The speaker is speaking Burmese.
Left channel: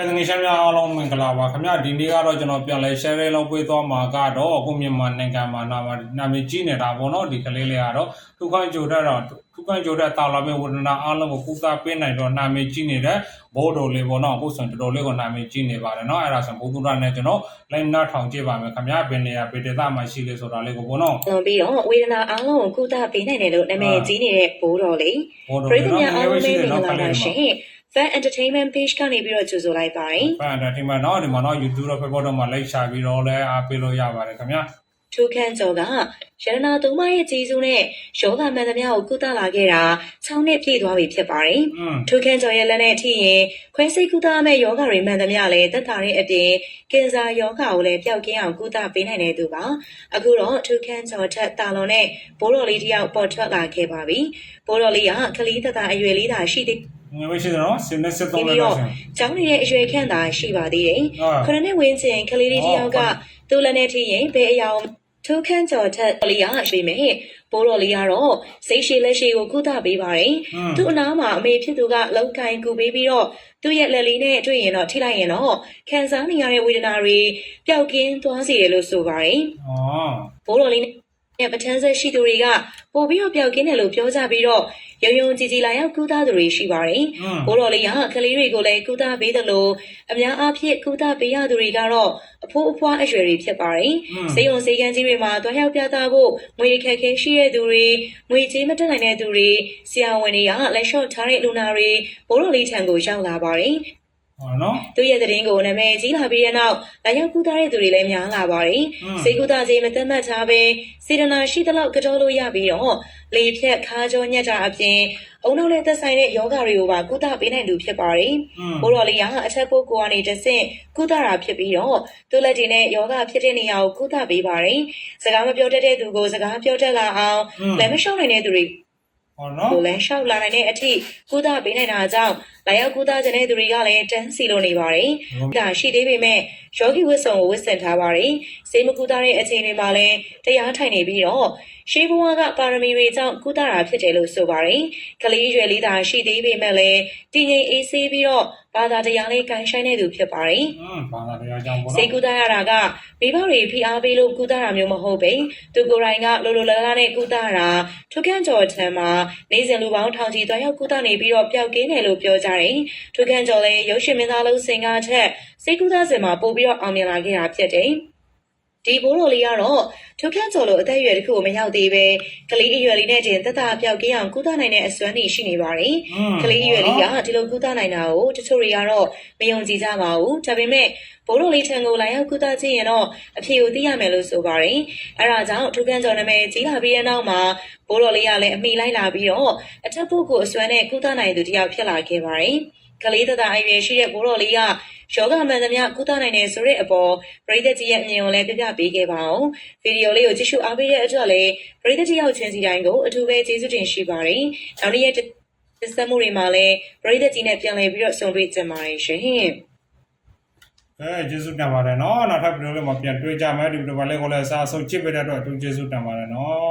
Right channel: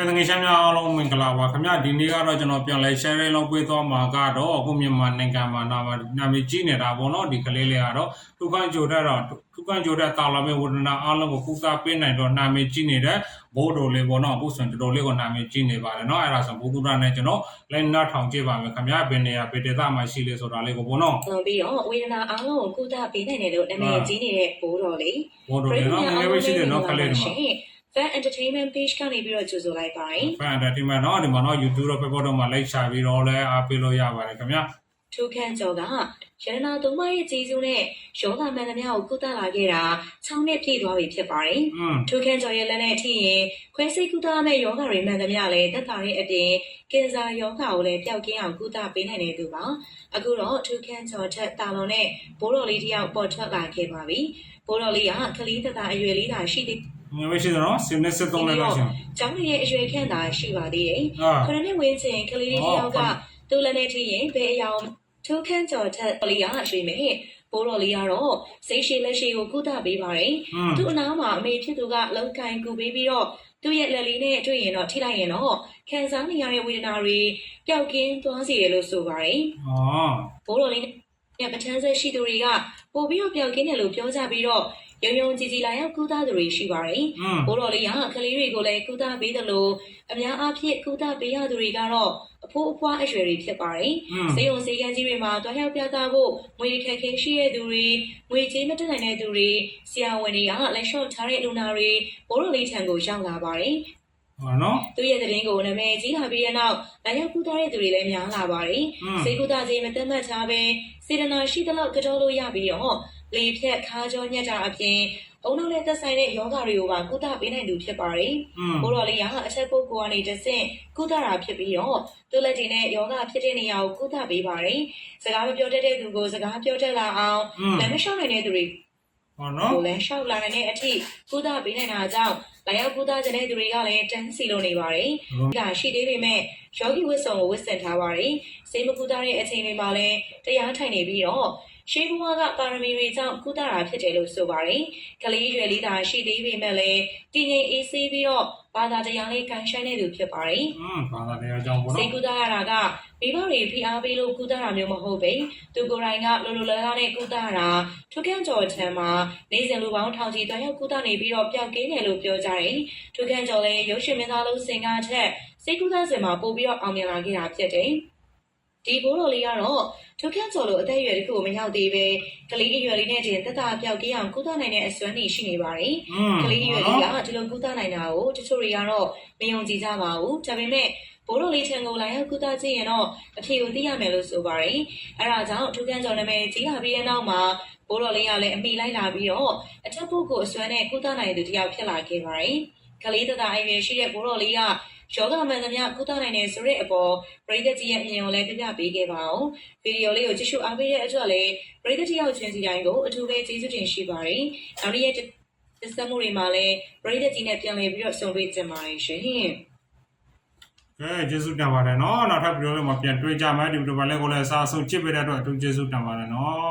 ဲတငယ်ချင်းများအားလုံးမင်္ဂလာပါခင်ဗျဒီနေ့ကတော့ကျွန်တော်ပြန်လဲ share လေးလုံးပေးသွားမှာကတော့အခုမြန်မာနိုင်ငံမှာနာမနာမည်ကြီးနေတာပေါ့နော်ဒီကလေးလေးကတော့ဒုက္ခကြိုတဲ့တော့ဒုက္ခကြိုတဲ့တာလာမေဝဒနာအားလုံးကိုကုသပေးနိုင်တော့နာမည်ကြီးနေတဲ့ဘိုးတော်လေးပေါ့နော်အခုဆိုရင်တော်တော်လေးကိုနာမည်ကြီးနေပါတယ်နော်အဲ့ဒါဆိုဘုသူရနဲ့ကျွန်တော်လိုင်းနာထောင်ကြည့်ပါမယ်ခင်ဗျဘယ်နေရာဘယ်ဒေသမှာရှိလဲဆိုတာလေးကိုပေါ့နော်။ပြီးတော့ဝေဒနာအားလုံးကိုကုသပေးနိုင်တယ်လို့နာမည်ကြီးနေတဲ့ဘိုးတော်လေးဘိုးတော်ပရိလေးသတ်နော်များငအားယ်လုံးပဲရှိလေးတယ်မင်္ဂနော်ကလာလေးပါတွေရှမှာင်။ Fan Entertainment Page ကနေပြီးတော့ကြိုဆိုလိုက်ပါတယ်ဖန်တယ်ဒီမှာနော်ဒီမှာနော် YouTube တော့ Facebook တော့မှာလိုက်ရှာပြီးတော့လဲအားပေးလို့ရပါတယ်ခင်ဗျ။ထိုခန့်ကျော်ကရတနာသုံးပါးရဲ့ကြီးစုနဲ့ယောဂမှန်သမျှကိုကုသလာခဲ့တာ6နှစ်ပြည့်သွားပြီဖြစ်ပါတယ်อืม။ထိုခန့်ကျော်ရဲ့လက်နဲ့ထိရင်ခွဲစိတ်ကုသမဲ့ယောဂတွေမှန်သမျှလည်းသက်သာတဲ့အပြင်ကင်ဆာယောဂကိုလည်းပျောက်ကင်းအောင်ကုသပေးနိုင်တဲ့သူပါ။အခုတော့ထိုခန့်ကျော်ထက်တာလွန်နဲ့ဘိုးတော်လေးတယောက်ပေါ်ထွက်လာခဲ့ပါပြီ။ဘိုးတော်လေးကကလေးသက်သာအရွယ်လေးသာရှိသေး ငွေဝရှိတယ်နော်စင်းနဲ့73လောက်လောက်ရှင်ကျောင်းနေတဲ့အရွယ်ခန့်သာရှိပါသေးတယ်ခရနဲ့ဝင်းကျင်ကလေးလေးတယောက်ကသူ့လက်နဲ့ထိရင်ဘယ်အရာထိုးခန့်ကျော်ထက်လီယာရှိမယ်။ပိုးတော်လီယာတော့စိတ်ရှိလက်ရှိကိုကုသပေးပါတယ်။သူ့အနားမှာအမေဖြစ်သူကလုံခိုင်ကူပေးပြီးတော့သူ့ရဲ့လက်လေးနဲ့တွေ့ရင်တော့ထိလိုက်ရင်တော့ခံစားနေရတဲ့ဝေဒနာတွေပျောက်ကင်းသွားစေတယ်လို့ဆိုပါတယ်။အော်ပိုးတော်လီနဲ့ပထန်းဆက်ရှိသူတွေက ပို့ပြီးတော့ပျောက်ကင်းတယ်လို့ပြောကြပြီးတော့ရုံရုံကြည်ကြည်လာရောက်ကုသသူတွေရှိပါတယ်။ဘိုးတော်လေးကကလေးတွေကိုလည်းကုသပေးတယ်လို့အများအားဖြင့်ကုသပေးရသူတွေကတော့အဖိုးအဖွားအရွယ်တွေဖြစ်ပါတယ်။စေယုံစေကန်းကြီးတွေမှာတွားရောက်ပြသဖို့ငွေခက်ခဲရှိတဲ့သူတွေငွေကြေးမတက်နိုင်တဲ့သူတွေဆရာဝန်တွေကလက်လျှော့ထားတဲ့လူနာတွေဘိုးတော်လေးထံကိုရောက်လာပါတယ် ဟုတ်နော်သူရဲ့သတင်းကိုနာမည်ကြီးလာပြီးတဲ့နောက်လာရောက်ကူတာတဲ့သူတွေလည်းများလာပါတယ်စေကူတာစီမတတ်မှတ်ထားပဲစေတနာရှိသလောက်ကြောလို့ရပြီးတော့လေဖြတ်ခါကြောညက်တာအပြင်အုံနောက်နဲ့သက်ဆိုင်တဲ့ယောဂတွေကိုပါကုသပေးနိုင်သူဖြစ်ပါတယ်။ဘိုးတော်လေးကအထက်ပုဂ္ဂိုလ်ကနေတဆင့်ကုသတာဖြစ်ပြီးတော့သူလက်တွေနဲ့ယောဂဖြစ်တဲ့နေရာကိုကုသပေးပါတယ်။စကားမပြောတတ်တဲ့သူကိုစကားပြောတတ်လာအောင်လမ်းမလျှောက်နိုင်တဲ့သူတွေ ဟုတ်နော်ကိုလည်းရှောက်လာနိုင်တဲ့အထိကုသပေးနေတာကြောင့်လာရောက်ကုသခြင်းတဲ့သူတွေကလည်းတန်းစီလိုနေပါတယ်ဒါရှိသေးပေမဲ့ယောဂီဝတ်စုံကိုဝတ်ဆင်ထားပါတယ်။ဈေးမကူတာတဲ့အချိန်တွေမှာလည်းတရားထိုင်နေပြီးတော့ရှိဘဝကပါရမီတွေကြောင့်ကုသတာဖြစ်တယ်လို့ဆိုပါတယ်။ကလေးရွယ်လေးသာရှိသေးပေမဲ့လည်းတည်ငြိမ်အေးဆေးပြီးတော့ဘာသာတရားလေးကန်ဆိုင်နေသူဖြစ်ပါတယ်။အင်းဘာသာတရားကြောင့်ပေါ့နော်။စေကုသရတာကမိဘတွေဖိအားပေးလို့ကုသတာမျိုးမဟုတ်ပဲသူကိုယ်တိုင်ကလိုလိုလားလားနဲ့ကုသတာထုကန့်ကျော်ထံမှာနေစဉ်လူပေါင်းထောင်ချီတွားရောက်ကုသနေပြီးတော့ပျောက်ကင်းတယ်လို့ပြောကြတယ်။ထုကန့်ကျော်လည်းရုပ်ရှင်မင်းသားလုံးစင်ကားထက်စေကုသစင်မှာပို့ပြီးတော့အောင်မြင်လာခဲ့တာဖြစ်တယ်ဒီဘိုးတော်လေးကတော့ထုခန့်ကျော်လိုအသက်အရွယ်တစ်ခုကိုမရောက်သေးပဲကလေးအရွယ်လေးနဲ့တင်သက်သာပျောက်ကင်းအောင်ကူတာနိုင်တဲ့အစွမ်းနေရှိနေပါတယ်อืมကလေးရွယ်လေးကဒီလိုကုသနိုင်တာကိုတချို့တွေကတော့မယုံကြည်ကြပါဘူးဒါပေမဲ့ဘိုးတော်လေးထံကိုလာရောက်ကုသကြည့်ရင်တော့အဖြေကိုသိရမယ်လို့ဆိုပါတယ်အဲဒါကြောင့်ထုခန်းကျော်နာမည်ကြီးလာပြီးတဲ့နောက်မှာဘိုးတော်လေးကလည်းအမိလိုက်လာပြီးတော့အထက်ပုဂ္ဂိုလ်အစွမ်းနဲ့ကုသနိုင်သူတစ်ယောက်ဖြစ်လာခဲ့ပါတယ် ကလေးတသားအရွယ်ရှိတဲ့ဘိုးတော်လေးကယောဂမှန်သမျှကုသနိုင်တယ်ဆိုတဲ့အပေါ်ပရိသတ်ကြီးရဲ့အမြင်ကိုလည်းပြပြပေးခဲ့ပါအောင်ဗီဒီယိုလေးကိုကြည့်ရှုအားပေးတဲ့အတွက်လည်းပရိသတ်ကြီးရောက်ချင်းစီတိုင်းကိုအထူးပဲကျေးဇူးတင်ရှိပါတယ်နောက်နေ့ရက်တင်ဆက်မှုတွေမှာလည်းပရိသတ်ကြီးနဲ့ပြန်လည်ပြီးတော့ဆုံတွေ့ကြပါရရှင်အဲကျေးဇူးတင်ပါတယ်နော်နောက်ထပ်ဗီဒီယိုလေးမှာပြန်တွေ့ကြမယ်ဒီဗီဒီယိုလေးကိုလည်းအစားအဆုံးကြည့်ပေးတဲ့အတွက်အထူးကျေးဇူးတင်ပါတယ်နော်